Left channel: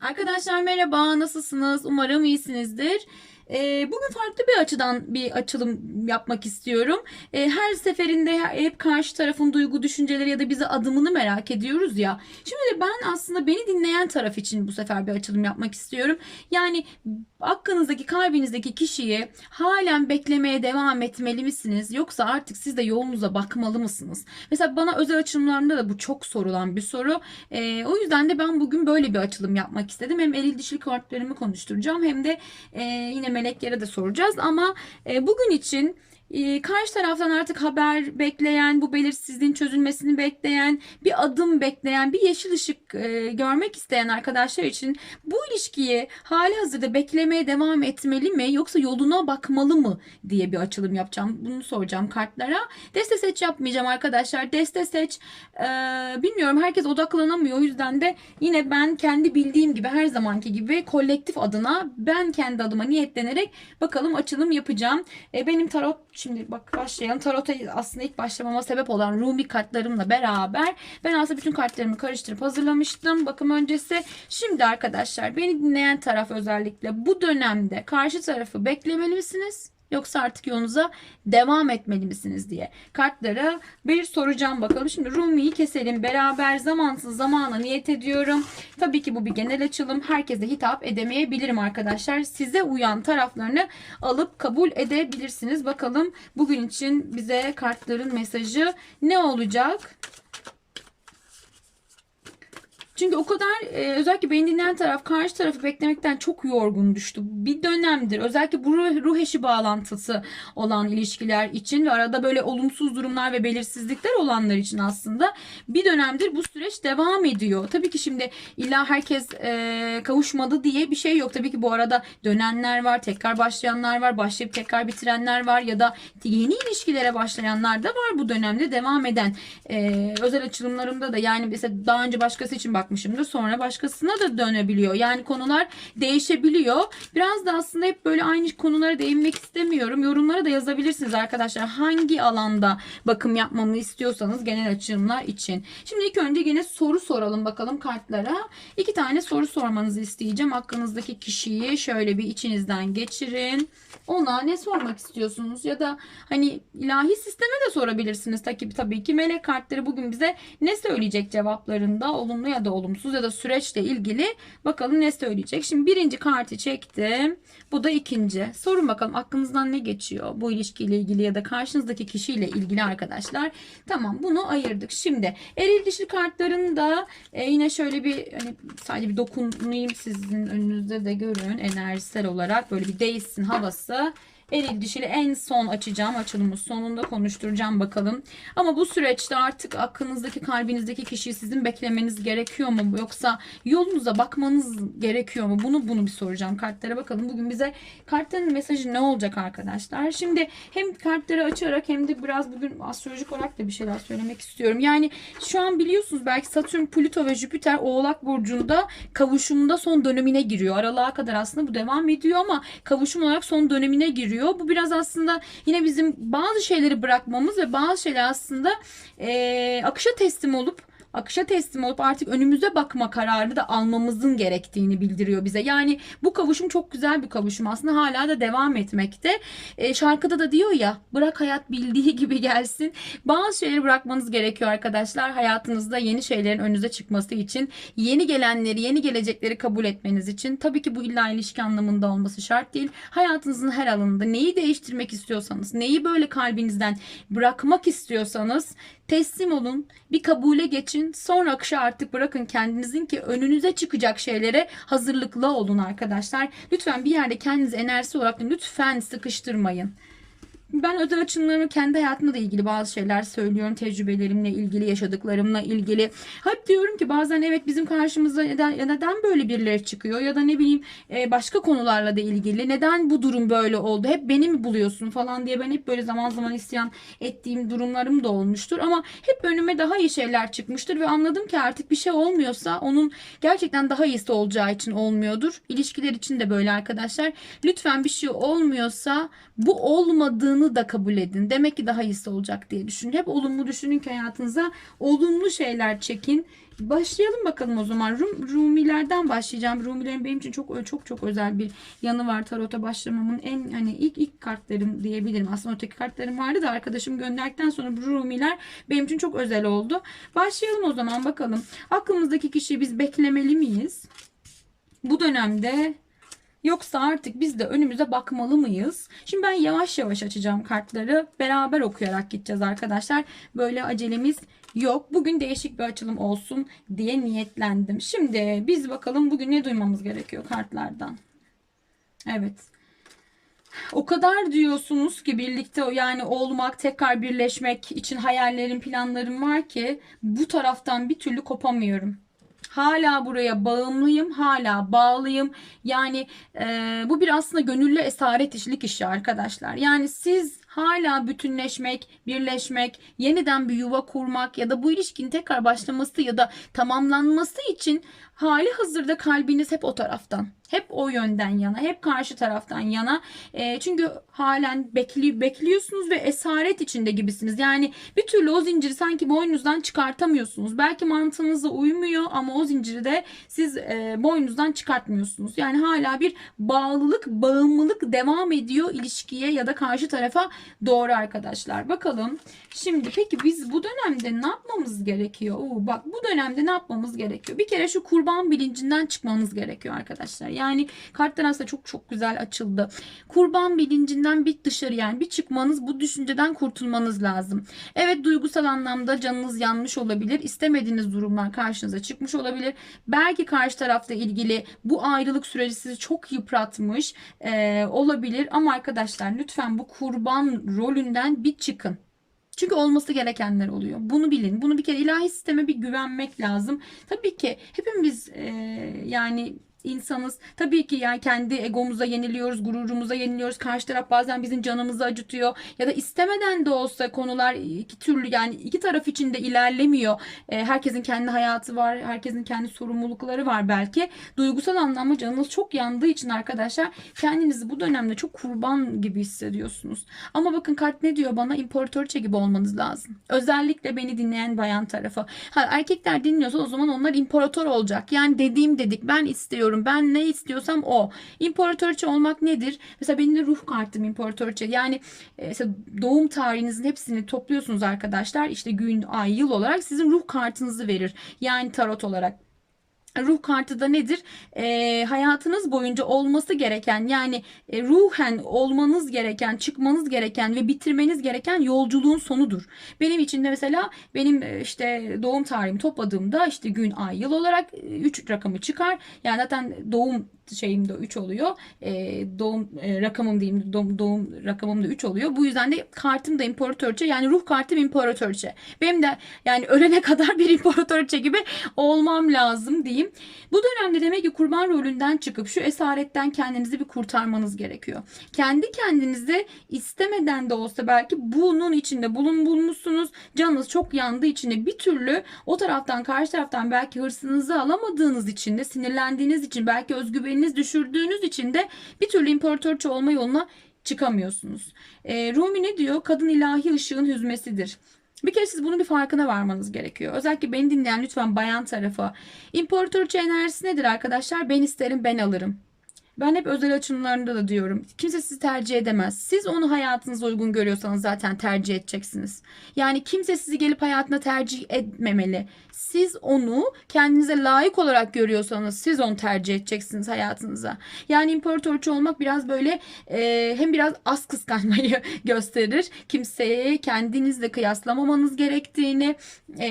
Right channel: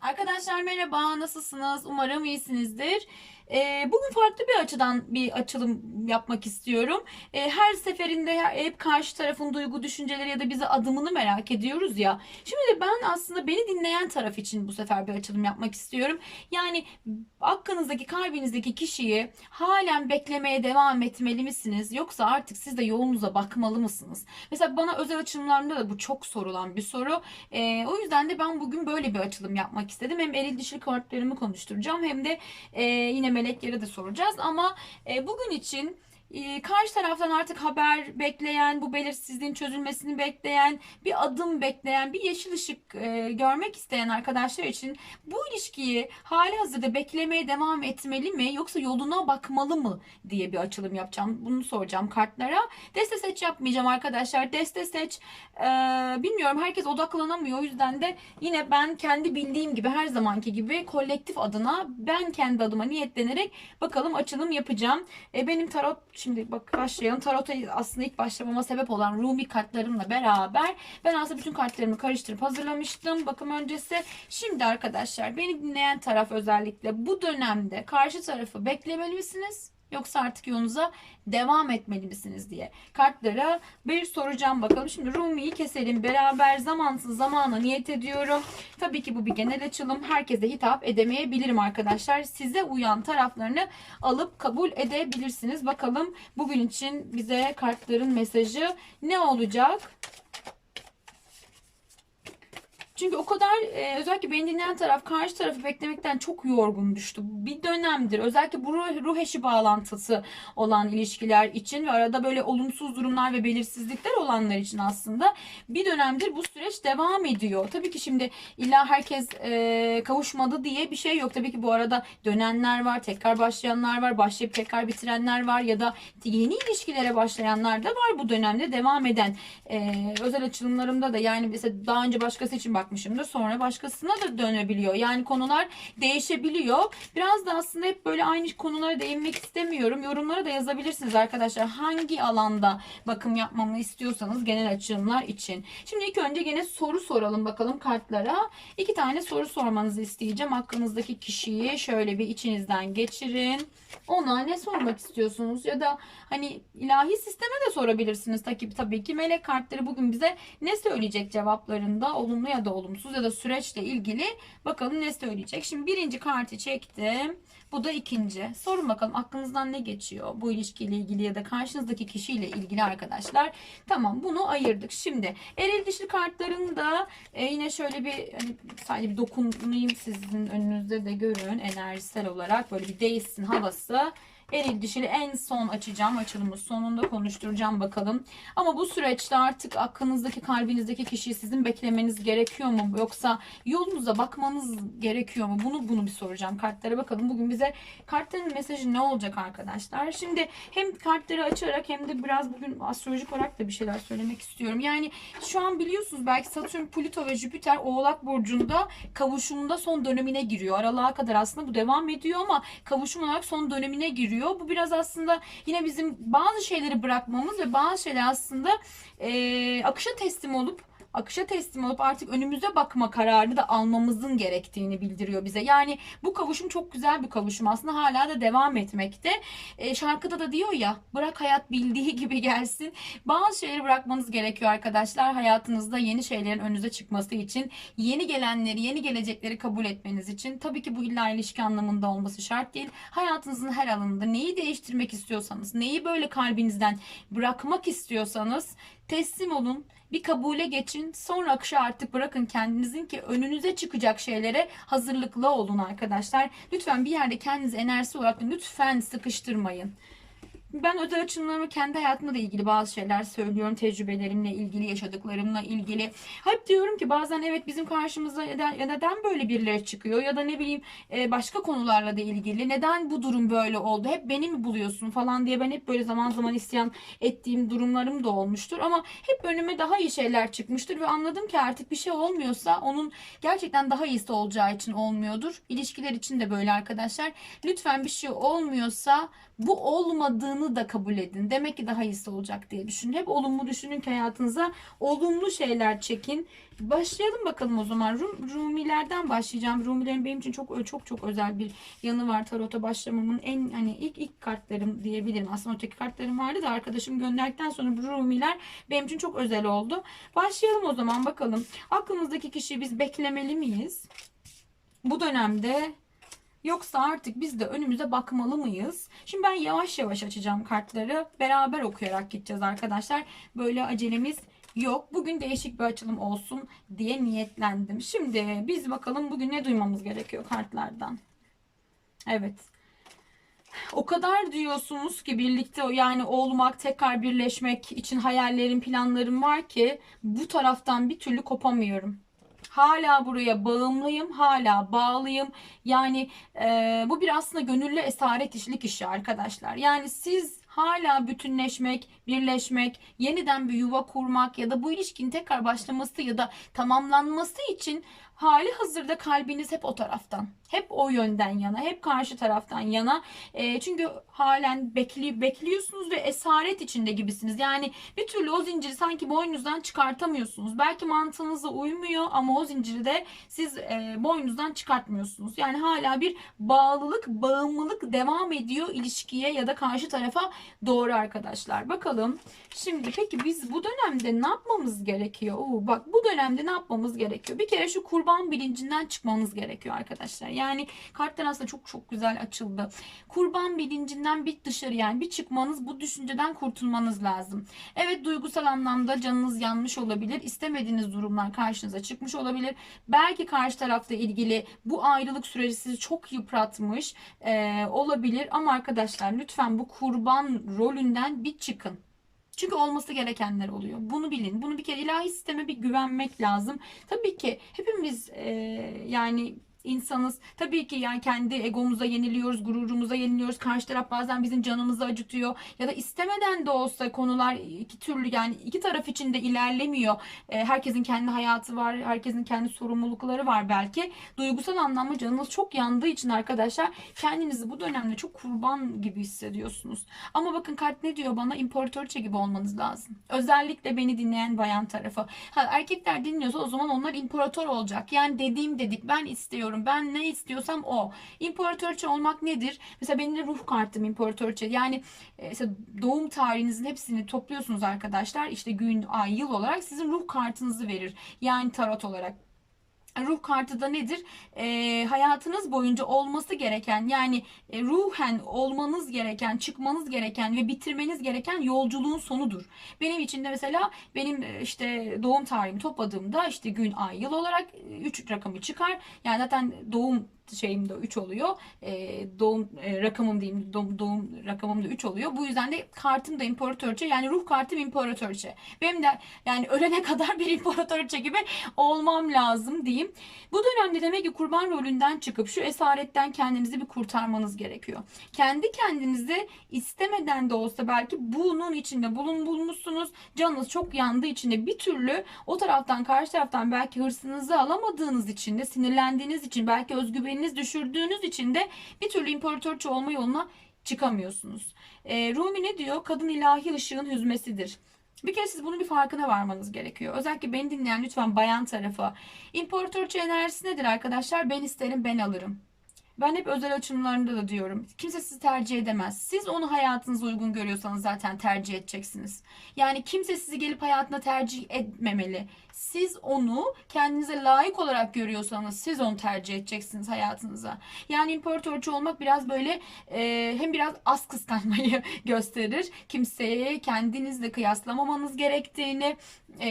Arkadaşlar merhaba, nasılsınız? Umarım iyisinizdir. Ee, bugün farklı bir açıdan bir açılım yapmak istiyorum. Ee, her seferinde hep karşı tarafın duygu, düşünceleri ya da bize adımını merak ediyoruz ya. Şimdi ben aslında beni dinleyen taraf için bu sefer bir açılım yapmak istiyorum. Yani aklınızdaki, kalbinizdeki kişiyi halen beklemeye devam etmeli misiniz? Yoksa artık siz de yolunuza bakmalı mısınız? Mesela bana özel açılımlarında da bu çok sorulan bir soru. Ee, o yüzden de ben bugün böyle bir açılım yapmak istedim. Hem eril dişil kartlarımı konuşturacağım hem de e, yine meleklere de soracağız. Ama e, bugün için e, karşı taraftan artık haber bekleyen, bu belirsizliğin çözülmesini bekleyen, bir adım bekleyen, bir yeşil ışık e, görmek isteyen arkadaşlar için bu ilişkiyi hali hazırda beklemeye devam etmeli mi yoksa yoluna bakmalı mı diye bir açılım yapacağım. Bunu soracağım kartlara. Deste seç yapmayacağım arkadaşlar. Deste seç e, bilmiyorum herkes odaklanamıyor. O yüzden de yine ben kendi bildiğim gibi her zamanki gibi kolektif adına ben kendi adıma niyetlenerek bakalım açılım yapacağım. E, benim tarot şimdi bak başlayalım. Tarota aslında ilk başlamama sebep olan Rumi kartlarımla beraber ben aslında bütün kartlarımı karıştırıp hazırlamıştım bakım öncesi. Şimdi arkadaşlar beni dinleyen taraf özellikle bu dönemde karşı tarafı beklemeli misiniz? Yoksa artık yolunuza devam etmeli misiniz diye kartlara bir soracağım bakalım. Şimdi Rumi'yi keselim beraber zamansız zamana niyet ediyorum. Tabii ki bu bir genel açılım. Herkese hitap edemeyebilirim arkadaşlar. Size uyan taraflarını alıp kabul edebilirsiniz. Bakalım bugün için bize kartların mesajı ne olacak? Çünkü o kadar e, özellikle beni dinleyen taraf karşı tarafı beklemekten çok yorgun düştü. Bir dönemdir özellikle bu ruh, ruh eşi bağlantısı olan ilişkiler için ve arada böyle olumsuz durumlar ve belirsizlikler olanlar için aslında bir dönemdir bu süreç devam ediyor. Tabii ki şimdi illa herkes e, kavuşmadı diye bir şey yok. Tabii ki bu arada dönenler var, tekrar başlayanlar var, başlayıp tekrar bitirenler var ya da yeni ilişkilere başlayanlar da var bu dönemde devam eden. E, özel açılımlarımda da yani mesela daha önce başkası için bak bakmışımdır. Sonra başkasına da dönebiliyor. Yani konular değişebiliyor. Biraz da aslında hep böyle aynı konulara değinmek istemiyorum. Yorumlara da yazabilirsiniz arkadaşlar. Hangi alanda bakım yapmamı istiyorsanız genel açılımlar için. Şimdi ilk önce yine soru soralım bakalım kartlara. İki tane soru sormanızı isteyeceğim. Hakkınızdaki kişiyi şöyle bir içinizden geçirin. Ona ne sormak istiyorsunuz ya da hani ilahi sisteme de sorabilirsiniz tabii, tabii ki melek kartları bugün bize ne söyleyecek cevaplarında olumlu ya da olumsuz ya da süreçle ilgili bakalım ne söyleyecek. Şimdi birinci kartı çektim. Bu da ikinci. Sorun bakalım aklınızdan ne geçiyor bu ilişkiyle ilgili ya da karşınızdaki kişiyle ilgili arkadaşlar. Tamam bunu ayırdık. Şimdi eril dişli kartların da e, yine şöyle bir hani sadece bir dokunayım sizin önünüzde de görün enerjisel olarak böyle bir değişsin havası. Eril dişili en son açacağım. Açılımı sonunda konuşturacağım bakalım. Ama bu süreçte artık aklınızdaki kalbinizdeki kişiyi sizin beklemeniz gerekiyor mu? Yoksa yolunuza bakmanız gerekiyor mu? Bunu bunu bir soracağım kartlara bakalım. Bugün bize kartların mesajı ne olacak arkadaşlar? Şimdi hem kartları açarak hem de biraz bugün astrolojik olarak da bir şeyler söylemek istiyorum. Yani şu an biliyorsunuz belki Satürn, Plüto ve Jüpiter Oğlak Burcu'nda kavuşumunda son dönemine giriyor. Aralığa kadar aslında bu devam ediyor ama kavuşum olarak son dönemine giriyor giriyor. Bu biraz aslında yine bizim bazı şeyleri bırakmamız ve bazı şeyler aslında e, akışa teslim olup akışa teslim olup artık önümüze bakma kararını da almamızın gerektiğini bildiriyor bize. Yani bu kavuşum çok güzel bir kavuşum aslında hala da devam etmekte. E, şarkıda da diyor ya bırak hayat bildiği gibi gelsin. Bazı şeyleri bırakmanız gerekiyor arkadaşlar. Hayatınızda yeni şeylerin önünüze çıkması için yeni gelenleri, yeni gelecekleri kabul etmeniz için. Tabii ki bu illa ilişki anlamında olması şart değil. Hayatınızın her alanında neyi değiştirmek istiyorsanız, neyi böyle kalbinizden bırakmak istiyorsanız teslim olun. Bir kabule geçin. Sonra akışa artık bırakın kendinizin ki önünüze çıkacak şeylere hazırlıklı olun arkadaşlar. Lütfen bir yerde kendinizi enerjisi olarak lütfen sıkıştırmayın. Ben özel açımlarımı kendi hayatımla da ilgili bazı şeyler söylüyorum. Tecrübelerimle ilgili, yaşadıklarımla ilgili. Hep diyorum ki bazen evet bizim karşımıza neden, ya neden böyle birileri çıkıyor ya da ne bileyim e, başka konularla da ilgili. Neden bu durum böyle oldu? Hep beni mi buluyorsun falan diye ben hep böyle zaman zaman isyan ettiğim durumlarım da olmuştur. Ama hep önüme daha iyi şeyler çıkmıştır ve anladım ki artık bir şey olmuyorsa onun gerçekten daha iyisi olacağı için olmuyordur. İlişkiler için de böyle arkadaşlar. Lütfen bir şey olmuyorsa bu olmadığını da kabul edin. Demek ki daha iyisi olacak diye düşünün. Hep olumlu düşünün ki hayatınıza olumlu şeyler çekin. Başlayalım bakalım o zaman. Rum, Rumilerden başlayacağım. Rumilerin benim için çok çok çok özel bir yanı var. Tarota başlamamın en hani ilk ilk kartlarım diyebilirim. Aslında öteki kartlarım vardı da arkadaşım gönderdikten sonra bu Rumiler benim için çok özel oldu. Başlayalım o zaman bakalım. Aklımızdaki kişiyi biz beklemeli miyiz? Bu dönemde Yoksa artık biz de önümüze bakmalı mıyız? Şimdi ben yavaş yavaş açacağım kartları. Beraber okuyarak gideceğiz arkadaşlar. Böyle acelemiz yok. Bugün değişik bir açılım olsun diye niyetlendim. Şimdi biz bakalım bugün ne duymamız gerekiyor kartlardan. Evet. O kadar diyorsunuz ki birlikte yani olmak, tekrar birleşmek için hayallerim, planlarım var ki bu taraftan bir türlü kopamıyorum. Hala buraya bağımlıyım, hala bağlıyım. Yani e, bu bir aslında gönüllü esaret işlik işi arkadaşlar. Yani siz hala bütünleşmek, birleşmek, yeniden bir yuva kurmak ya da bu ilişkinin tekrar başlaması ya da tamamlanması için hali hazırda kalbiniz hep o taraftan. Hep o yönden yana, hep karşı taraftan yana. E, çünkü halen bekli, bekliyorsunuz ve esaret içinde gibisiniz. Yani bir türlü o zinciri sanki boynunuzdan çıkartamıyorsunuz. Belki mantığınıza uymuyor ama o zinciri de siz e, boynunuzdan çıkartmıyorsunuz. Yani hala bir bağlılık, bağımlılık devam ediyor ilişkiye ya da karşı tarafa doğru arkadaşlar. Bakalım. Şimdi peki biz bu dönemde ne yapmamız gerekiyor? Oo, bak bu dönemde ne yapmamız gerekiyor? Bir kere şu kurban bilincinden çıkmamız gerekiyor arkadaşlar. Yani kartlar aslında çok çok güzel açıldı. Kurban bilincinden bir dışarı yani bir çıkmanız bu düşünceden kurtulmanız lazım. Evet duygusal anlamda canınız yanmış olabilir. İstemediğiniz durumlar karşınıza çıkmış olabilir. Belki karşı tarafla ilgili bu ayrılık süreci sizi çok yıpratmış e, olabilir. Ama arkadaşlar lütfen bu kurban rolünden bir çıkın. Çünkü olması gerekenler oluyor. Bunu bilin. Bunu bir kere ilahi sisteme bir güvenmek lazım. Tabii ki hepimiz e, yani insanız. Tabii ki yani kendi egomuza yeniliyoruz, gururumuza yeniliyoruz. Karşı taraf bazen bizim canımızı acıtıyor ya da istemeden de olsa konular iki türlü yani iki taraf için de ilerlemiyor. E, herkesin kendi hayatı var, herkesin kendi sorumlulukları var belki. Duygusal anlamda canınız çok yandığı için arkadaşlar kendinizi bu dönemde çok kurban gibi hissediyorsunuz. Ama bakın kart ne diyor bana? İmparatoriçe gibi olmanız lazım. Özellikle beni dinleyen bayan tarafı. Ha, erkekler dinliyorsa o zaman onlar imparator olacak. Yani dediğim dedik ben istiyorum. Ben ne istiyorsam o. İmparatoriçe olmak nedir? Mesela benim de ruh kartım imparatoriçe. Yani e, mesela doğum tarihinizin hepsini topluyorsunuz arkadaşlar. İşte gün, ay, yıl olarak sizin ruh kartınızı verir. Yani tarot olarak. Ruh kartı da nedir? E, hayatınız boyunca olması gereken yani e, ruhen olmanız gereken, çıkmanız gereken ve bitirmeniz gereken yolculuğun sonudur. Benim için de mesela benim e, işte doğum tarihimi topladığımda işte gün, ay, yıl olarak 3 rakamı çıkar. Yani zaten doğum şeyim de 3 oluyor. E, doğum e, rakamım diyeyim doğum, doğum rakamım da 3 oluyor. Bu yüzden de kartım da imparatorçe yani ruh kartım imparatorçe. Benim de yani ölene kadar bir imparatorçe gibi olmam lazım diyeyim. Bu dönemde demek ki kurban rolünden çıkıp şu esaretten kendinizi bir kurtarmanız gerekiyor. Kendi kendinizi istemeden de olsa belki bunun içinde bulun bulmuşsunuz. Canınız çok yandığı için de bir türlü o taraftan karşı taraftan belki hırsınızı alamadığınız için de sinirlendiğiniz için belki özgüveniniz düşürdüğünüz için de bir türlü imparatorçe olma yoluna çıkamıyorsunuz. E, Rumi ne diyor? Kadın ilahi ışığın hüzmesidir. Bir kere siz bunun bir farkına varmanız gerekiyor. Özellikle beni dinleyen lütfen bayan tarafı. İmparatorça enerjisi nedir arkadaşlar? Ben isterim ben alırım. Ben hep özel açımlarında da diyorum. Kimse sizi tercih edemez. Siz onu hayatınıza uygun görüyorsanız zaten tercih edeceksiniz. Yani kimse sizi gelip hayatına tercih etmemeli. Siz onu kendinize layık olarak görüyorsanız siz onu tercih edeceksiniz hayatınıza. Yani imparatorçu olmak biraz böyle e, hem biraz az kıskanmayı gösterir. Kimseye kendinizle kıyaslamamanız gerektiğini e,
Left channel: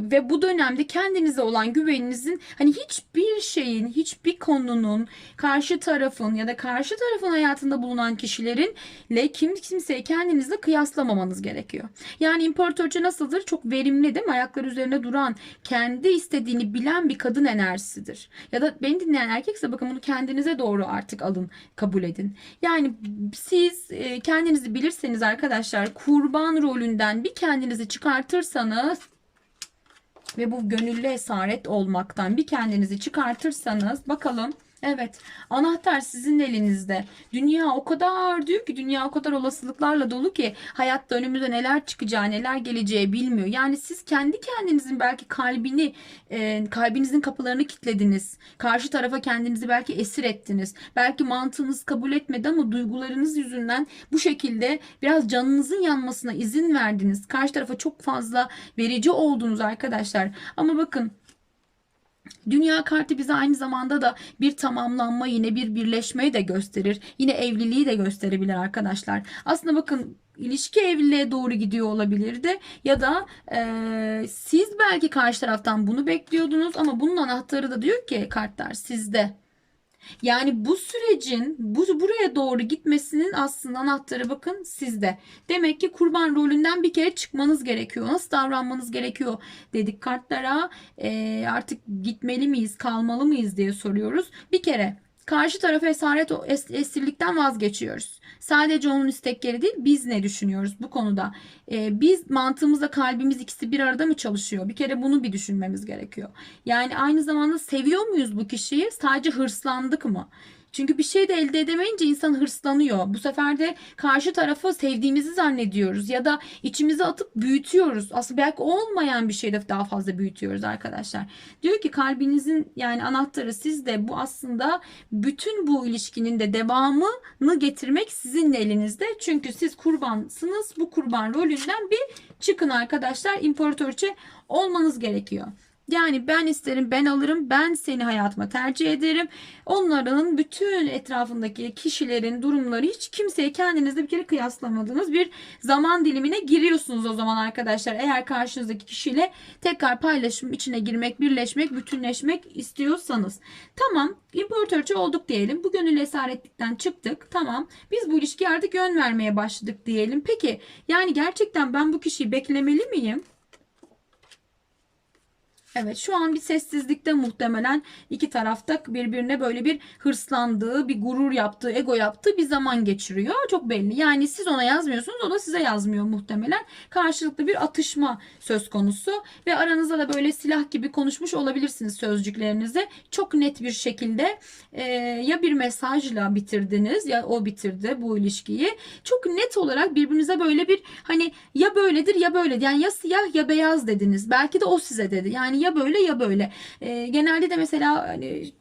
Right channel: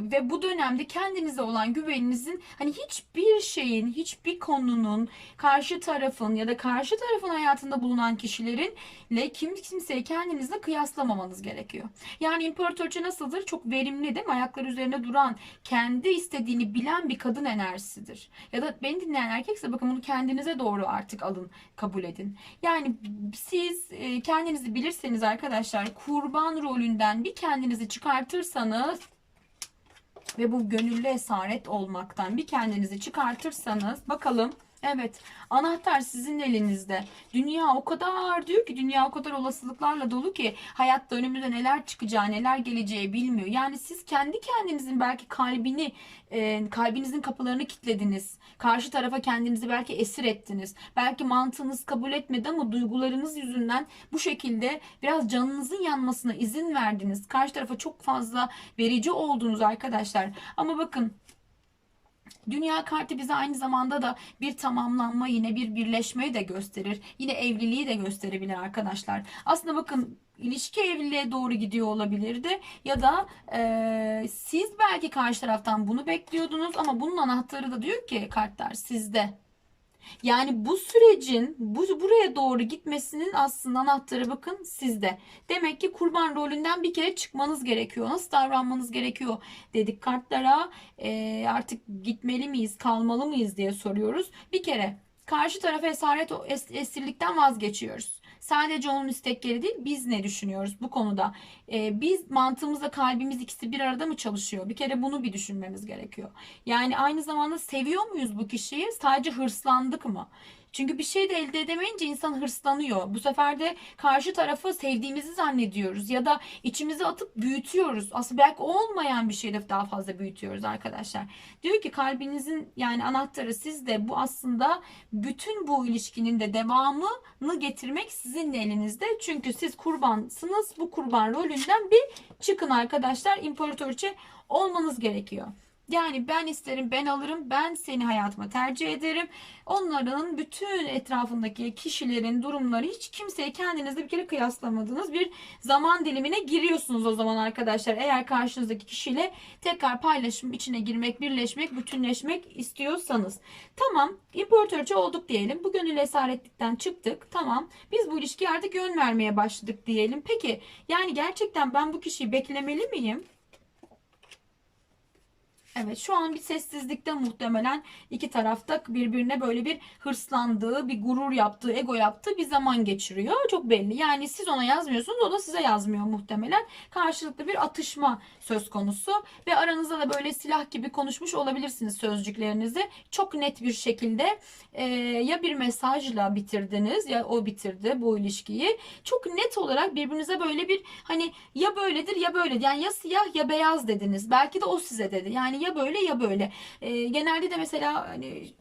ve bu dönemde kendinize olan güveninizin hani hiçbir şeyin, hiçbir konunun karşı tarafın ya da karşı tarafın hayatında bulunan kişilerinle kim kimseyi kendinizle kıyaslamamanız gerekiyor. Yani imparatorçu nasıldır? Çok verimli değil mi? Ayakları üzerinde duran, kendi istediğini bilen bir kadın enerjisidir. Ya da beni dinleyen erkekse bakın bunu kendinize doğru artık alın, kabul edin. Yani siz e, kendinizi bilirseniz arkadaşlar kurban rolünden bir kendinizi çıkartırsanız ve bu gönüllü esaret olmaktan bir kendinizi çıkartırsanız bakalım Evet, anahtar sizin elinizde. Dünya o kadar diyor ki dünya o kadar olasılıklarla dolu ki hayatta önümüze neler çıkacağı, neler geleceği bilmiyor. Yani siz kendi kendinizin belki kalbini, e, kalbinizin kapılarını kilitlediniz. Karşı tarafa kendinizi belki esir ettiniz. Belki mantığınız kabul etmedi ama duygularınız yüzünden bu şekilde biraz canınızın yanmasına izin verdiniz. Karşı tarafa çok fazla verici oldunuz arkadaşlar. Ama bakın Dünya kartı bize aynı zamanda da bir tamamlanma yine bir birleşmeyi de gösterir. Yine evliliği de gösterebilir arkadaşlar. Aslında bakın ilişki evliliğe doğru gidiyor olabilirdi ya da e, siz belki karşı taraftan bunu bekliyordunuz ama bunun anahtarı da diyor ki kartlar sizde. Yani bu sürecin bu buraya doğru gitmesinin aslında anahtarı bakın sizde. Demek ki kurban rolünden bir kere çıkmanız gerekiyor. Nasıl davranmanız gerekiyor dedik kartlara. Ee, artık gitmeli miyiz, kalmalı mıyız diye soruyoruz. Bir kere karşı tarafa esaret es, esirlikten vazgeçiyoruz. Sadece onun istekleri değil biz ne düşünüyoruz bu konuda. Ee, biz mantığımızla kalbimiz ikisi bir arada mı çalışıyor? Bir kere bunu bir düşünmemiz gerekiyor. Yani aynı zamanda seviyor muyuz bu kişiyi? Sadece hırslandık mı? Çünkü bir şey de elde edemeyince insan hırslanıyor. Bu sefer de karşı tarafı sevdiğimizi zannediyoruz ya da içimize atıp büyütüyoruz. Aslında belki olmayan bir şeyde daha fazla büyütüyoruz arkadaşlar. Diyor ki kalbinizin yani anahtarı sizde. Bu aslında bütün bu ilişkinin de devamını getirmek sizin elinizde. Çünkü siz kurbansınız. Bu kurban rolünden bir çıkın arkadaşlar. İmparatoriçe olmanız gerekiyor. Yani ben isterim, ben alırım, ben seni hayatıma tercih ederim. Onların bütün etrafındaki kişilerin durumları hiç kimseye kendinizle bir kere kıyaslamadığınız bir zaman dilimine giriyorsunuz o zaman arkadaşlar. Eğer karşınızdaki kişiyle tekrar paylaşım içine girmek, birleşmek, bütünleşmek istiyorsanız. Tamam, imparatorça olduk diyelim. Bu gönül esaretlikten çıktık. Tamam, biz bu ilişkiye artık yön vermeye başladık diyelim. Peki, yani gerçekten ben bu kişiyi beklemeli miyim? Evet şu an bir sessizlikte muhtemelen iki tarafta birbirine böyle bir hırslandığı, bir gurur yaptığı, ego yaptığı bir zaman geçiriyor. Çok belli. Yani siz ona yazmıyorsunuz, o da size yazmıyor muhtemelen. Karşılıklı bir atışma söz konusu ve aranızda da böyle silah gibi konuşmuş olabilirsiniz sözcüklerinizi. Çok net bir şekilde e, ya bir mesajla bitirdiniz ya o bitirdi bu ilişkiyi. Çok net olarak birbirinize böyle bir hani ya böyledir ya böyle yani ya siyah ya beyaz dediniz. Belki de o size dedi. Yani ya böyle ya böyle. E, genelde de mesela hani,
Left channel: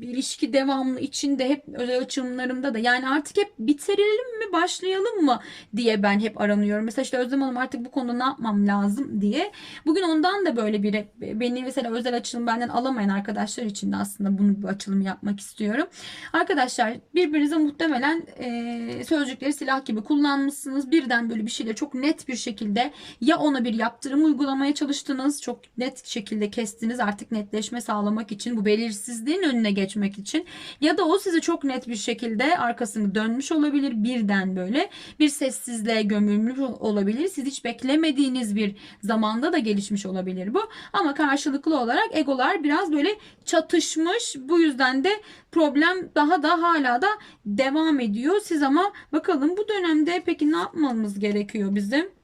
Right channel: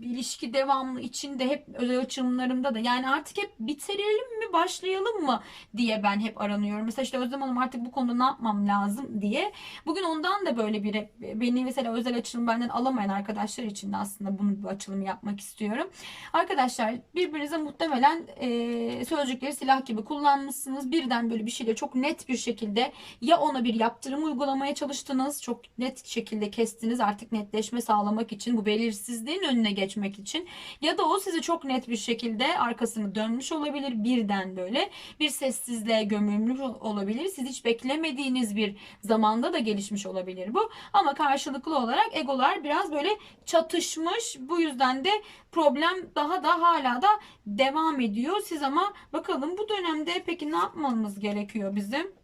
ilişki devamlı içinde hep özel açılımlarımda da yani artık hep bitirelim mi başlayalım mı diye ben hep aranıyorum. Mesela işte Özlem Hanım artık bu konuda ne yapmam lazım diye. Bugün ondan da böyle bir beni mesela özel açılım benden alamayan arkadaşlar için de aslında bunu bir açılım yapmak istiyorum. Arkadaşlar birbirinize muhtemelen e, sözcükleri silah gibi kullanmışsınız. Birden böyle bir şeyle çok net bir şekilde ya ona bir yaptırım uygulamaya çalıştınız. Çok net şekilde kestiniz artık netleşme sağlamak için bu belirsizliğin önüne geçmek için ya da o size çok net bir şekilde arkasını dönmüş olabilir birden böyle bir sessizliğe gömülmüş olabilir. Siz hiç beklemediğiniz bir zamanda da gelişmiş olabilir bu ama karşılıklı olarak egolar biraz böyle çatışmış bu yüzden de problem daha da hala da devam ediyor. Siz ama bakalım bu dönemde peki ne yapmamız gerekiyor bizim?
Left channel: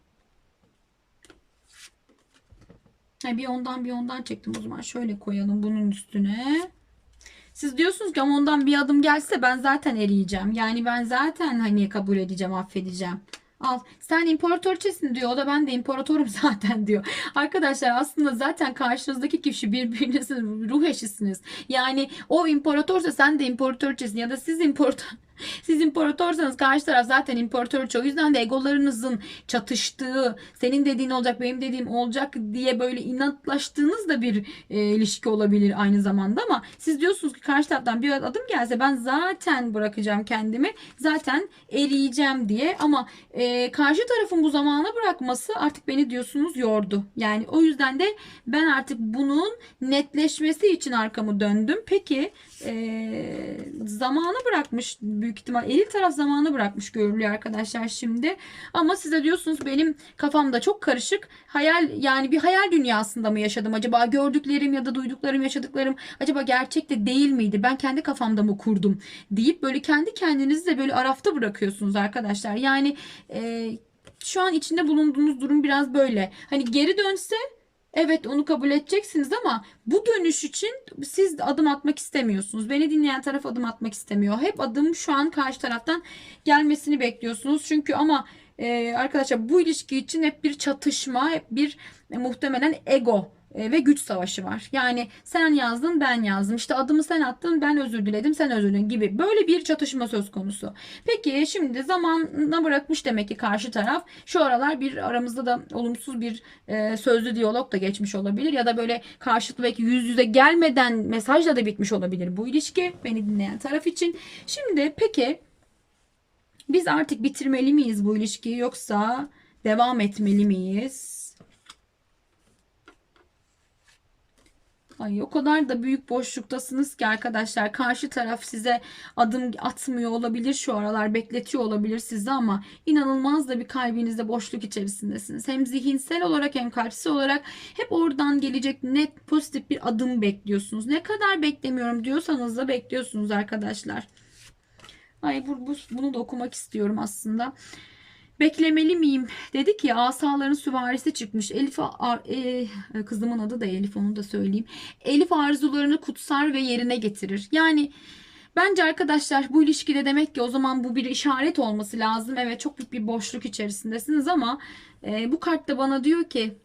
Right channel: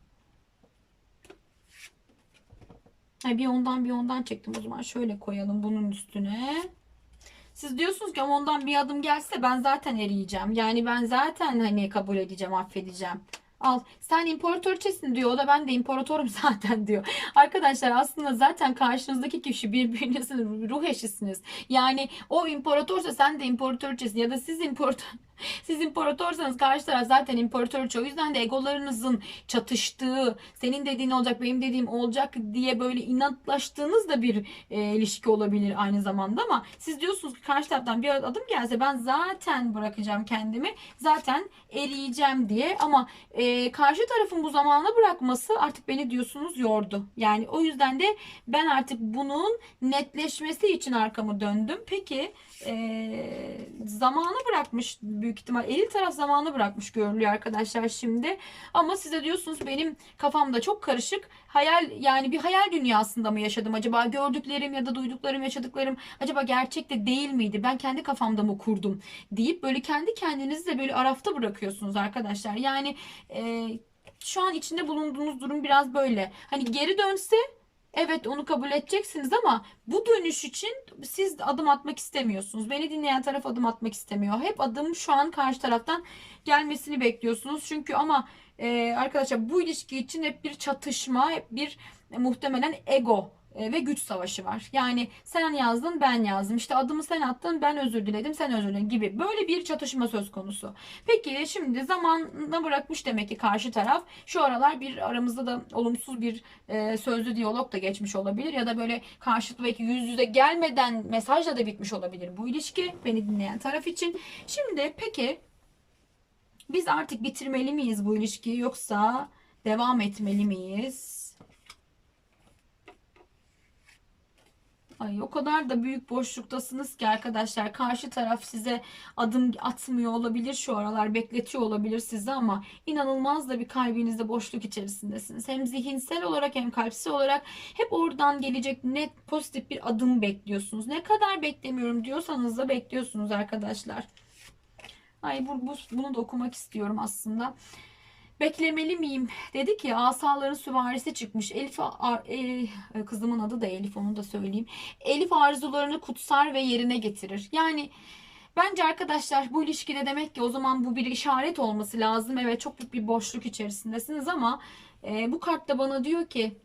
Bir ondan bir ondan çektim. O zaman şöyle koyalım bunun üstüne. Siz diyorsunuz ki ama ondan bir adım gelse ben zaten eriyeceğim. Yani ben zaten hani kabul edeceğim, affedeceğim. Al sen imparatorçesin diyor. O da ben de imparatorum zaten diyor. Arkadaşlar aslında zaten karşınızdaki kişi birbirinizin ruh eşisiniz. Yani o imparatorsa sen de imparatorçesin ya da siz imparator siz imparatorsanız karşı taraf zaten imparatorça. O yüzden de egolarınızın çatıştığı, senin dediğin olacak, benim dediğim olacak diye böyle inatlaştığınız da bir e, ilişki olabilir aynı zamanda ama siz diyorsunuz ki karşı taraftan bir adım gelse ben zaten bırakacağım kendimi. Zaten eriyeceğim diye ama e, karşı tarafın bu zamana bırakması artık beni diyorsunuz yordu. Yani o yüzden de ben artık bunun netleşmesi için arkamı döndüm. Peki e, zamanı bırakmış büyük ihtimal eril taraf zamanı bırakmış görülüyor arkadaşlar şimdi. Ama size diyorsunuz benim kafamda çok karışık. Hayal yani bir hayal dünyasında mı yaşadım acaba? Gördüklerim ya da duyduklarım, yaşadıklarım acaba gerçekte değil miydi? Ben kendi kafamda mı kurdum deyip böyle kendi kendinizi de böyle arafta bırakıyorsunuz arkadaşlar. Yani e, şu an içinde bulunduğunuz durum biraz böyle. Hani geri dönse Evet onu kabul edeceksiniz ama bu dönüş için siz adım atmak istemiyorsunuz. Beni dinleyen taraf adım atmak istemiyor. Hep adım şu an karşı taraftan gelmesini bekliyorsunuz. Çünkü ama e, arkadaşlar bu ilişki için hep bir çatışma, hep bir e, muhtemelen ego ve güç savaşı var. Yani sen yazdın ben yazdım. İşte adımı sen attın ben özür diledim sen özür diledin gibi. Böyle bir çatışma söz konusu. Peki şimdi zamanına bırakmış demek ki karşı taraf. Şu aralar bir aramızda da olumsuz bir e, sözlü diyalog da geçmiş olabilir. Ya da böyle karşılıklı belki yüz yüze gelmeden mesajla da bitmiş olabilir bu ilişki. Beni dinleyen taraf için. Şimdi peki biz artık bitirmeli miyiz bu ilişkiyi yoksa devam etmeli miyiz? Ay o kadar da büyük boşluktasınız ki arkadaşlar karşı taraf size adım atmıyor olabilir şu aralar bekletiyor olabilir sizi ama inanılmaz da bir kalbinizde boşluk içerisindesiniz. Hem zihinsel olarak hem kalpsel olarak hep oradan gelecek net pozitif bir adım bekliyorsunuz. Ne kadar beklemiyorum diyorsanız da bekliyorsunuz arkadaşlar. Ay bu, bu bunu da okumak istiyorum aslında. Beklemeli miyim? Dedik ya asaların süvarisi çıkmış. Elif Ar- e, kızımın adı da Elif onu da söyleyeyim. Elif arzularını kutsar ve yerine getirir. Yani bence arkadaşlar bu ilişkide demek ki o zaman bu bir işaret olması lazım. Evet çok büyük bir boşluk içerisindesiniz ama e, bu kart da bana diyor ki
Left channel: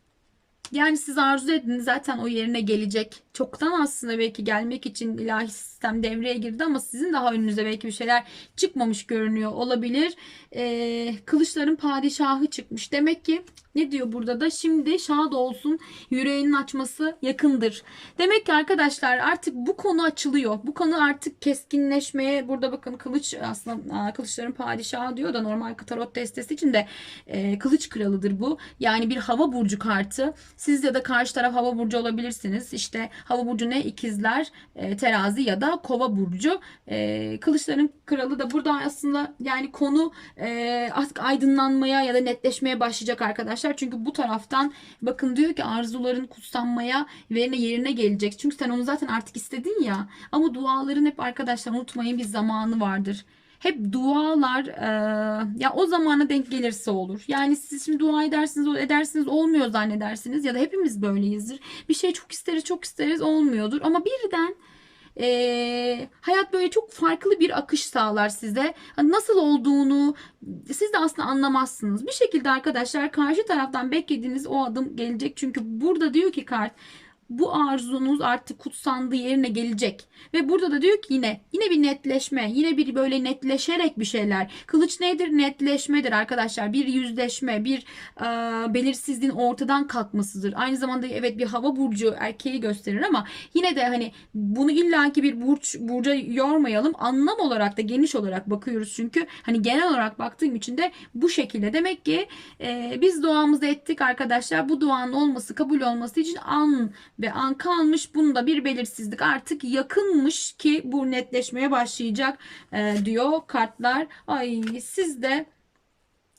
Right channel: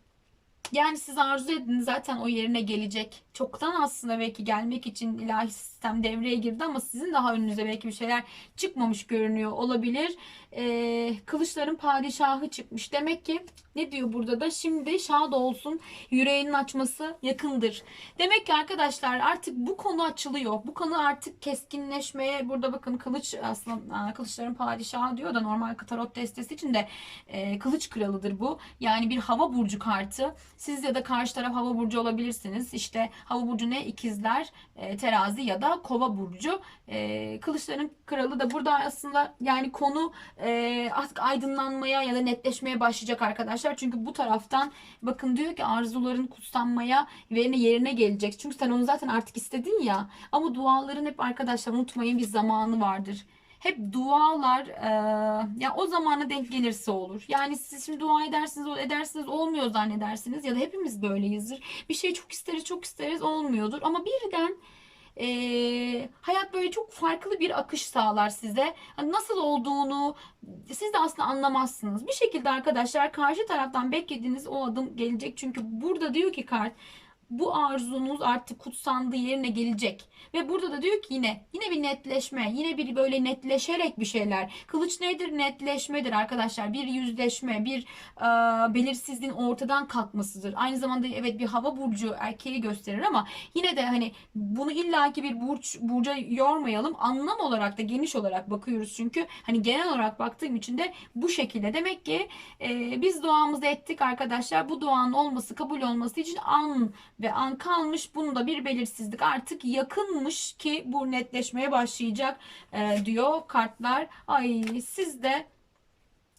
yani siz arzu edin zaten o yerine gelecek. Çoktan aslında belki gelmek için ilahi sistem devreye girdi ama sizin daha önünüze belki bir şeyler çıkmamış görünüyor olabilir. Ee, kılıçların padişahı çıkmış. Demek ki ne diyor burada da şimdi şad olsun yüreğinin açması yakındır. Demek ki arkadaşlar artık bu konu açılıyor. Bu konu artık keskinleşmeye burada bakın kılıç aslında kılıçların padişahı diyor da normal tarot destesi için de e, kılıç kralıdır bu. Yani bir hava burcu kartı. Siz ya da karşı taraf hava burcu olabilirsiniz. İşte hava burcu ne? İkizler, e, terazi ya da kova burcu. E, kılıçların kralı da burada aslında yani konu e, artık aydınlanmaya ya da netleşmeye başlayacak arkadaşlar. Çünkü bu taraftan bakın diyor ki arzuların kutsanmaya ve yerine gelecek. Çünkü sen onu zaten artık istedin ya. Ama duaların hep arkadaşlar unutmayın bir zamanı vardır hep dualar e, ya o zamana denk gelirse olur. Yani siz şimdi dua edersiniz edersiniz olmuyor zannedersiniz ya da hepimiz böyleyizdir. Bir şey çok isteriz çok isteriz olmuyordur ama birden e, hayat böyle çok farklı bir akış sağlar size. Hani nasıl olduğunu siz de aslında anlamazsınız. Bir şekilde arkadaşlar karşı taraftan beklediğiniz o adım gelecek. Çünkü burada diyor ki kart bu arzunuz artık kutsandığı yerine gelecek. Ve burada da diyor ki yine yine bir netleşme, yine bir böyle netleşerek bir şeyler. Kılıç nedir? Netleşmedir arkadaşlar. Bir yüzleşme, bir e, belirsizliğin ortadan kalkmasıdır. Aynı zamanda evet bir hava burcu erkeği gösterir ama yine de hani bunu illaki bir burç burca yormayalım. Anlam olarak da geniş olarak bakıyoruz çünkü hani genel olarak baktığım için de bu şekilde. Demek ki e, biz duamızı ettik arkadaşlar. Bu duanın olması, kabul olması için an ve an kalmış. Bunda bir belirsizlik artık yakınmış ki bu netleşmeye başlayacak e, diyor kartlar. Ay siz de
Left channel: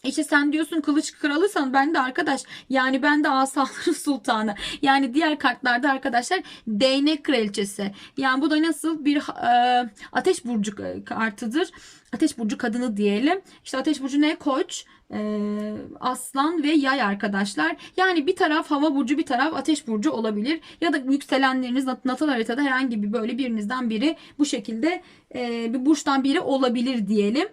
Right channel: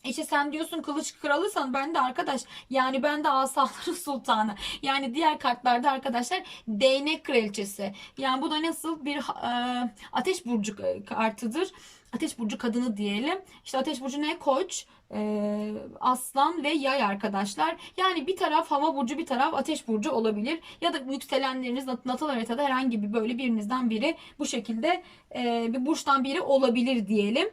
işte sen diyorsun kılıç kralıysan ben de arkadaş yani ben de asaların sultanı. Yani diğer kartlarda arkadaşlar değnek kraliçesi. Yani bu da nasıl bir e, ateş burcu kartıdır. Ateş burcu kadını diyelim. İşte ateş burcu ne? Koç, e, aslan ve yay arkadaşlar. Yani bir taraf hava burcu bir taraf ateş burcu olabilir. Ya da yükselenleriniz natal haritada herhangi bir böyle birinizden biri bu şekilde e, bir burçtan biri olabilir diyelim.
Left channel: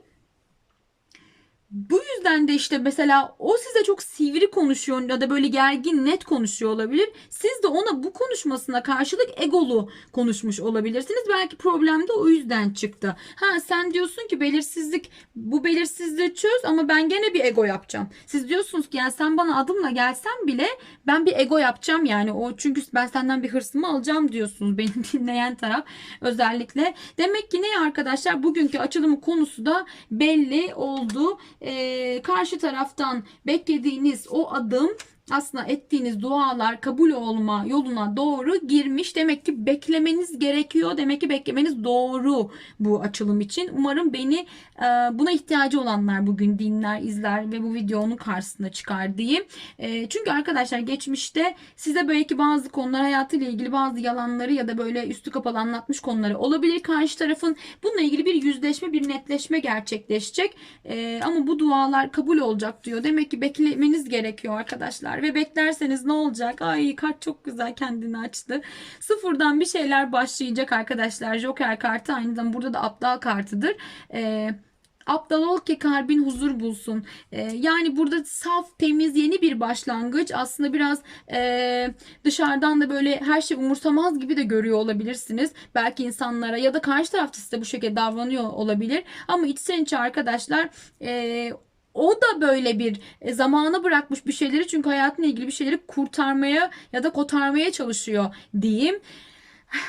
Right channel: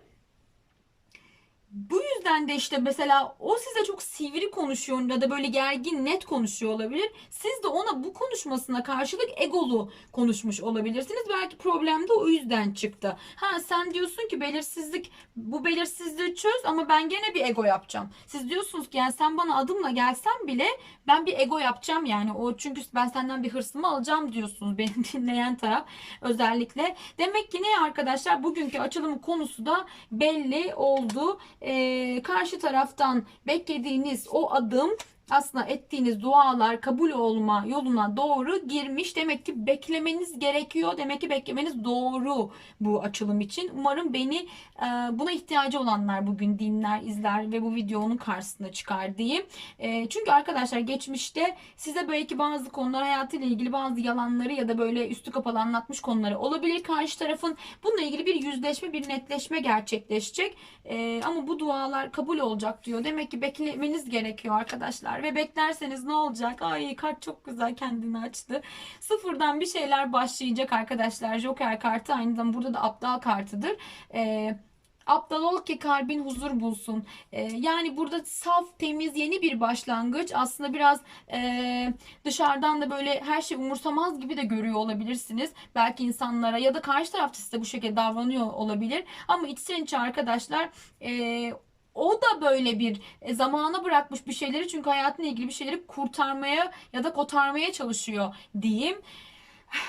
Bu yüzden de işte mesela o size çok sivri konuşuyor ya da böyle gergin net konuşuyor olabilir. Siz de ona bu konuşmasına karşılık egolu konuşmuş olabilirsiniz. Belki problem de o yüzden çıktı. Ha sen diyorsun ki belirsizlik bu belirsizliği çöz ama ben gene bir ego yapacağım. Siz diyorsunuz ki yani sen bana adımla gelsen bile ben bir ego yapacağım yani o çünkü ben senden bir hırsımı alacağım diyorsunuz benim dinleyen taraf özellikle. Demek ki ne arkadaşlar bugünkü açılımı konusu da belli oldu e, karşı taraftan beklediğiniz o adım aslında ettiğiniz dualar kabul olma yoluna doğru girmiş. Demek ki beklemeniz gerekiyor. Demek ki beklemeniz doğru bu açılım için. Umarım beni e, buna ihtiyacı olanlar bugün dinler, izler ve bu videonun karşısına çıkar diyeyim. E, çünkü arkadaşlar geçmişte size belki bazı konular hayatıyla ilgili bazı yalanları ya da böyle üstü kapalı anlatmış konuları olabilir. Karşı tarafın bununla ilgili bir yüzleşme, bir netleşme gerçekleşecek. E, ama bu dualar kabul olacak diyor. Demek ki beklemeniz gerekiyor arkadaşlar arkadaşlar. Ve beklerseniz ne olacak? Ay kart çok güzel kendini açtı. Sıfırdan bir şeyler başlayacak arkadaşlar. Joker kartı aynı zamanda burada da aptal kartıdır. Eee Aptal ol ki kalbin huzur bulsun. Ee, yani burada saf, temiz, yeni bir başlangıç. Aslında biraz e, dışarıdan da böyle her şey umursamaz gibi de görüyor olabilirsiniz. Belki insanlara ya da karşı tarafta size bu şekilde davranıyor olabilir. Ama içten içe arkadaşlar e, o da böyle bir e, zamana bırakmış bir şeyleri çünkü hayatıyla ilgili bir şeyleri kurtarmaya ya da kotarmaya çalışıyor diyeyim.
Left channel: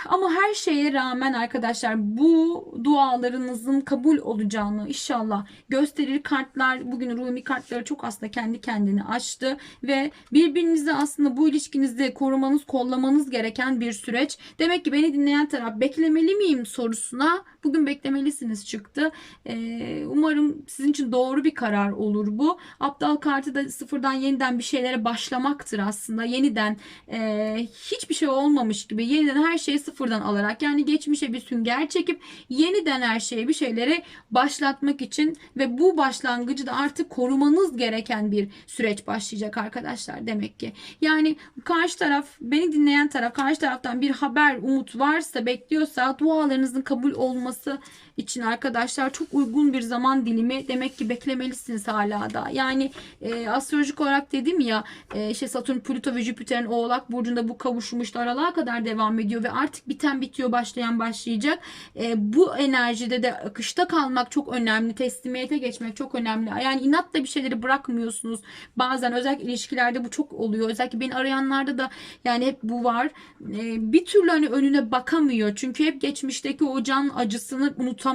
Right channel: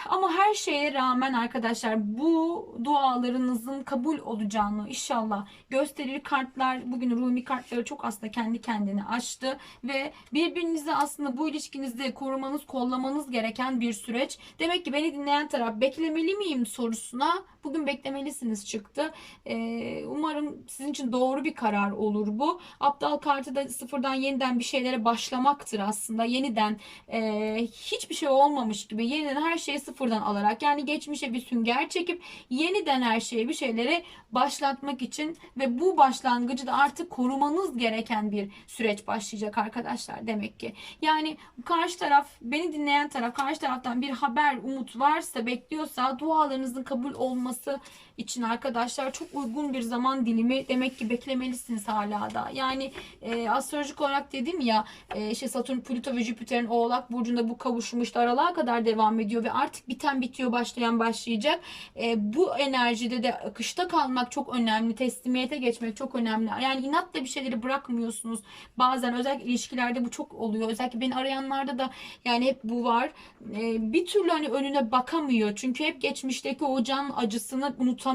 Ama her şeye rağmen arkadaşlar bu dualarınızın kabul olacağını inşallah gösterir. Kartlar bugün Rumi kartları çok aslında kendi kendini açtı ve birbirinizi aslında bu ilişkinizde korumanız, kollamanız gereken bir süreç. Demek ki beni dinleyen taraf beklemeli miyim sorusuna bugün beklemelisiniz çıktı. Ee, umarım sizin için doğru bir karar olur bu. Aptal kartı da sıfırdan yeniden bir şeylere başlamaktır aslında. Yeniden e, hiçbir şey olmamış gibi yeniden her şeyi sıfırdan alarak yani geçmişe bir sünger çekip yeniden her şeye bir şeyleri başlatmak için ve bu başlangıcı da artık korumanız gereken bir süreç başlayacak arkadaşlar demek ki. Yani karşı taraf beni dinleyen taraf karşı taraftan bir haber umut varsa bekliyorsa dualarınızın kabul olması olması için arkadaşlar çok uygun bir zaman dilimi demek ki beklemelisiniz hala da. Yani e, astrolojik olarak dedim ya e, işte Satürn, Plüto ve Jüpiter'in Oğlak burcunda bu kavuşmuş aralığa kadar devam ediyor ve artık biten bitiyor başlayan başlayacak. E, bu enerjide de akışta kalmak çok önemli. Teslimiyete geçmek çok önemli. Yani inatla bir şeyleri bırakmıyorsunuz. Bazen özellikle ilişkilerde bu çok oluyor. Özellikle beni arayanlarda da yani hep bu var. E, bir türlü hani önüne bakamıyor. Çünkü hep geçmişteki o can acısını unutamıyor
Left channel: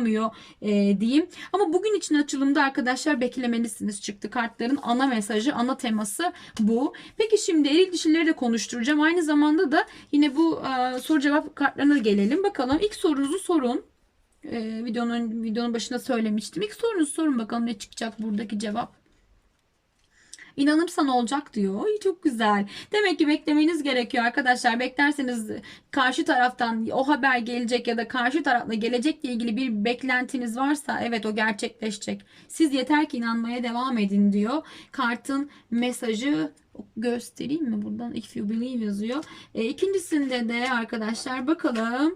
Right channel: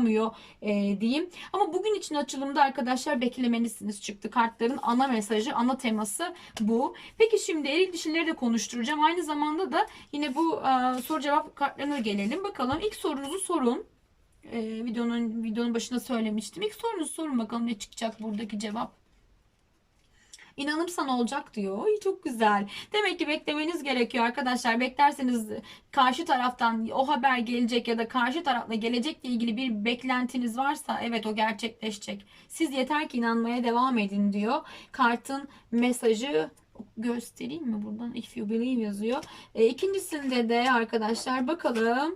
e, diyeyim. Ama bugün için açılımda arkadaşlar beklemelisiniz çıktı. Kartların ana mesajı, ana teması bu. Peki şimdi eril dişileri de konuşturacağım. Aynı zamanda da yine bu e, soru cevap kartlarına gelelim. Bakalım ilk sorunuzu sorun. E, videonun videonun başında söylemiştim. İlk sorunuzu sorun bakalım ne çıkacak buradaki cevap. İnanırsan olacak diyor. Ay çok güzel. Demek ki beklemeniz gerekiyor arkadaşlar. Beklerseniz karşı taraftan o haber gelecek ya da karşı tarafla gelecekle ilgili bir beklentiniz varsa evet o gerçekleşecek. Siz yeter ki inanmaya devam edin diyor. Kartın mesajı göstereyim mi buradan if you believe yazıyor. E, ikincisinde de arkadaşlar bakalım.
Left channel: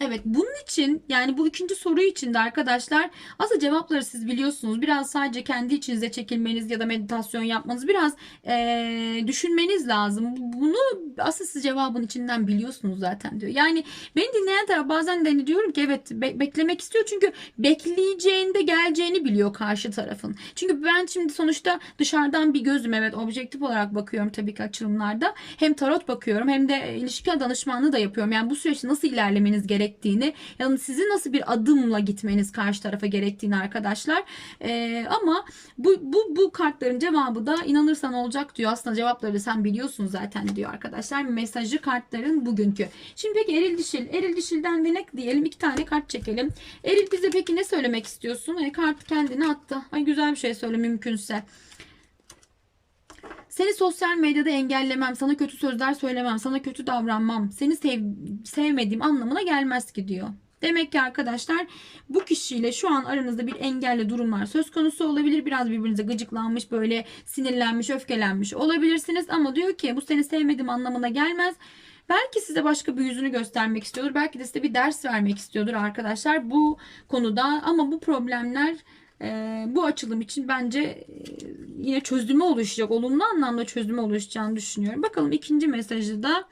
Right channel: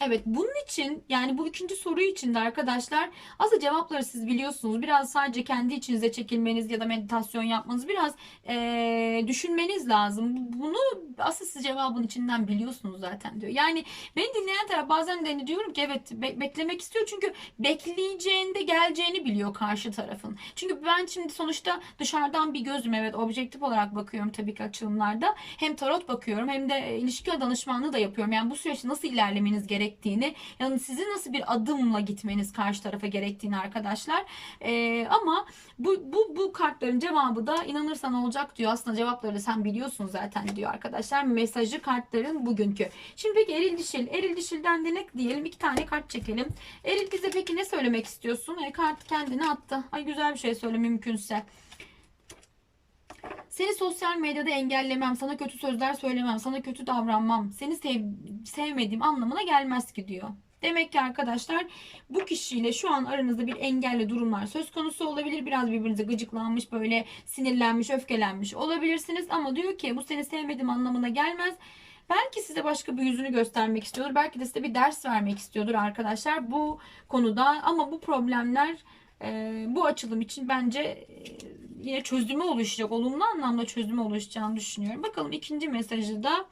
Evet bunun için yani bu ikinci soru için de arkadaşlar aslında cevapları siz biliyorsunuz. Biraz sadece kendi içinize çekilmeniz ya da meditasyon yapmanız biraz eee, düşünmeniz lazım. Bunu aslında siz cevabın içinden biliyorsunuz zaten diyor. Yani beni dinleyen taraf bazen de hani diyorum ki evet be- beklemek istiyor çünkü bekleyeceğinde geleceğini biliyor karşı tarafın. Çünkü ben şimdi sonuçta dışarıdan bir gözüm evet objektif olarak bakıyorum tabii ki açılımlarda. Hem tarot bakıyorum hem de ilişki danışmanlığı da yapıyorum. Yani bu süreçte nasıl ilerlemeniz gerektiğini yani sizin nasıl bir adımla gitmeniz karşı tarafa gerektiğini arkadaşlar. Ee, ama bu, bu, bu kartların cevabı da inanırsan olacak diyor. Aslında cevapları sen biliyorsun zaten diyor arkadaşlar. Mesajı kartların bugünkü. Şimdi peki eril dişil. Eril dişilden de ne diyelim? iki tane kart çekelim. Eril bize peki ne söylemek istiyorsun? E, kart kendini attı. Ay güzel bir şey söyle mümkünse. Seni sosyal medyada engellemem, sana kötü sözler söylemem, sana kötü davranmam, seni sev sevmediğim anlamına gelmez ki diyor. Demek ki arkadaşlar bu kişiyle şu an aranızda bir engelli durumlar söz konusu olabilir. Biraz birbirinize gıcıklanmış, böyle sinirlenmiş, öfkelenmiş olabilirsiniz. Ama diyor ki bu seni sevmediğim anlamına gelmez. Belki size başka bir yüzünü göstermek istiyordur. Belki de size bir ders vermek istiyordur arkadaşlar bu konuda. Ama bu problemler e, bu açılım için bence e, yine çözümü oluşacak. Olumlu anlamda çözümü oluşacağını düşünüyorum. Bakalım ikinci mesajı da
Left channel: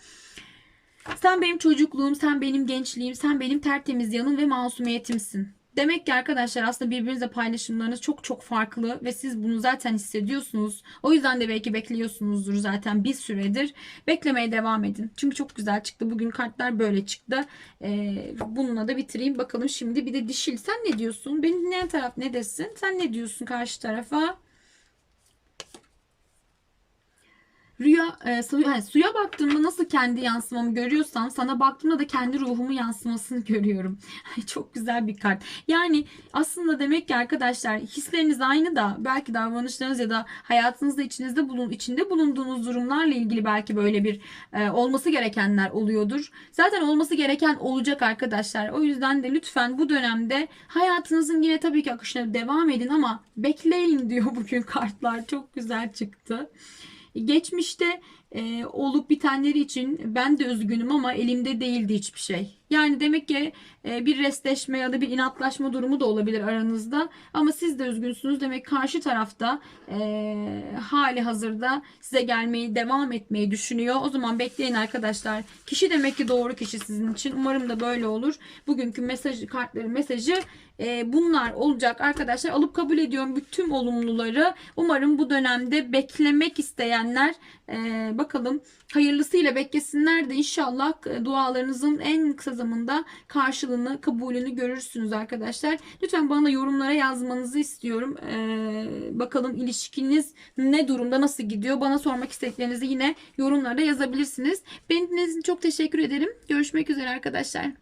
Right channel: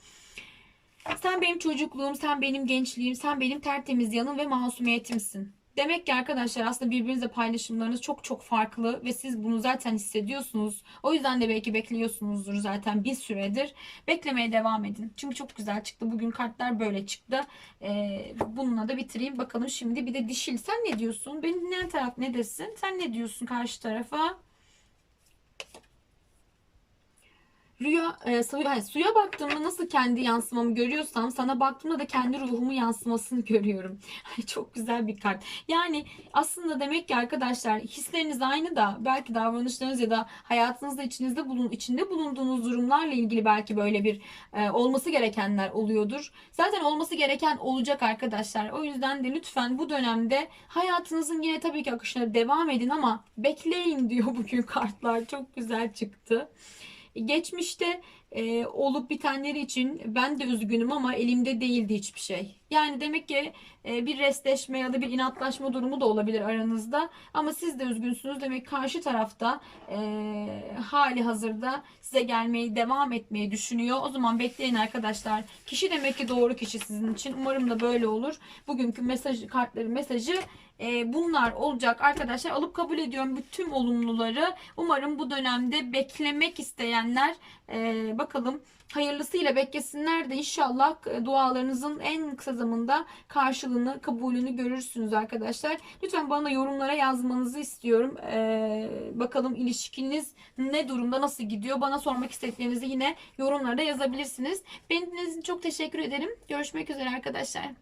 sen benim çocukluğum, sen benim gençliğim, sen benim tertemiz yanım ve masumiyetimsin. Demek ki arkadaşlar aslında birbirinizle paylaşımlarınız çok çok farklı ve siz bunu zaten hissediyorsunuz. O yüzden de belki bekliyorsunuzdur zaten bir süredir. Beklemeye devam edin. Çünkü çok güzel çıktı. Bugün kartlar böyle çıktı. Ee, bununla da bitireyim. Bakalım şimdi bir de dişil. Sen ne diyorsun? Beni dinleyen taraf ne desin? Sen ne diyorsun karşı tarafa? Rüya, e, suya, yani suya baktığımda nasıl kendi yansımamı görüyorsam sana baktığımda da kendi ruhumu yansımasını görüyorum. Çok güzel bir kart. Yani aslında demek ki arkadaşlar hisleriniz aynı da belki davranışlarınız ya da hayatınızda içinizde bulun içinde bulunduğunuz durumlarla ilgili belki böyle bir e, olması gerekenler oluyordur. Zaten olması gereken olacak arkadaşlar. O yüzden de lütfen bu dönemde hayatınızın yine tabii ki akışına devam edin ama bekleyin diyor bugün kartlar. Çok güzel çıktı. Geçmişte e, olup bitenleri için ben de üzgünüm ama elimde değildi hiçbir şey. Yani demek ki e, bir restleşme ya da bir inatlaşma durumu da olabilir aranızda. Ama siz de üzgünsünüz. Demek karşı tarafta e, hali hazırda size gelmeyi devam etmeyi düşünüyor. O zaman bekleyin arkadaşlar. Kişi demek ki doğru kişi sizin için. Umarım da böyle olur. Bugünkü mesaj kartların mesajı e, bunlar olacak arkadaşlar. Alıp kabul ediyorum bütün olumluları. Umarım bu dönemde beklemek isteyenler e, bakalım hayırlısıyla beklesinler de inşallah dualarınızın en kısa zamanda karşılığını, kabulünü görürsünüz arkadaşlar. Lütfen bana yorumlara yazmanızı istiyorum. E, bakalım ilişkiniz ne durumda, nasıl gidiyor? Bana sormak istediklerinizi yine yorumlarda yazabilirsiniz. Beni dinlediğiniz için çok teşekkür ederim. Görüşmek üzere arkadaşlar.